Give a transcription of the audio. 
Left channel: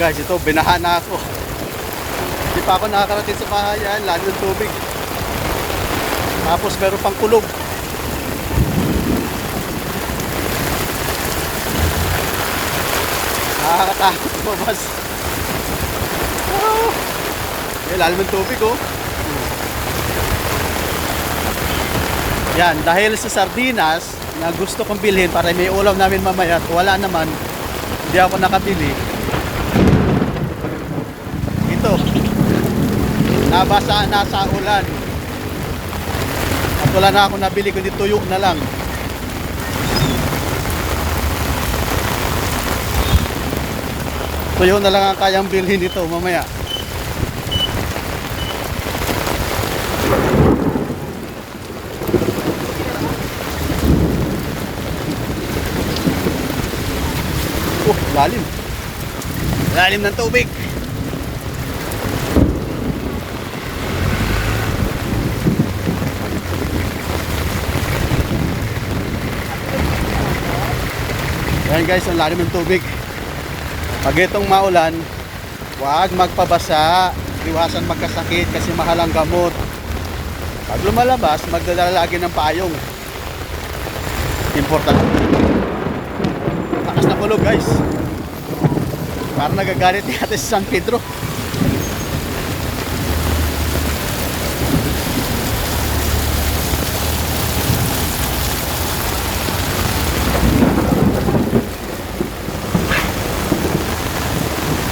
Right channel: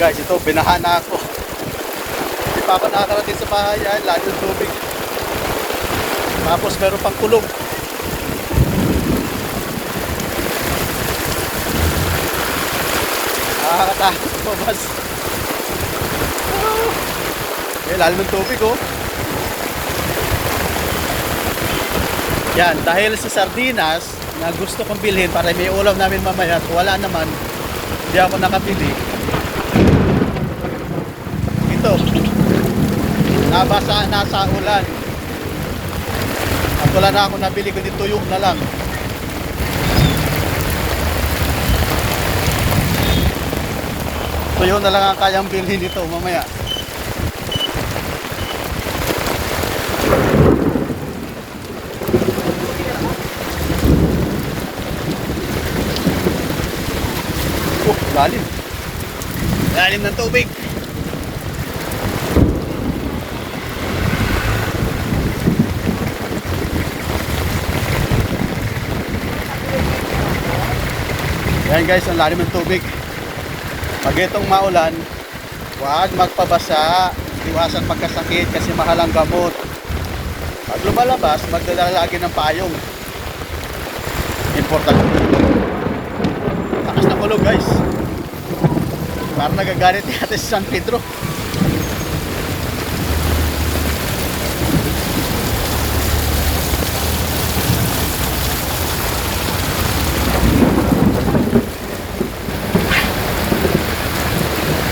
Guys, ito, binaha na ako. Hindi pa ako nakakarating sa bahay, yan, lalo yung tubig. Tapos meron pang kulog. Nakakatakot ito, bas. Eh, lalo ng tubig, oh. Yan, dahil sa sardinas na gusto kong bilhin para may ulam namin mamaya at wala naman, hindi ako nakabili. Ito, nabasa na sa ulan. At wala na ako nabili, kundi tuyog na lang. Tuyog na lang ang kayang bilhin dito mamaya. Lalim. Lalim ng tubig. Yan guys, ang lalim ng tubig. Pag itong maulan, huwag magpabasa. Iwasan magkasakit kasi mahal ang gamot. Pag lumalabas, magdala lagi ng payong. Importante. Lakas na kulog guys. Parang nagagalit ni Ate San Pedro.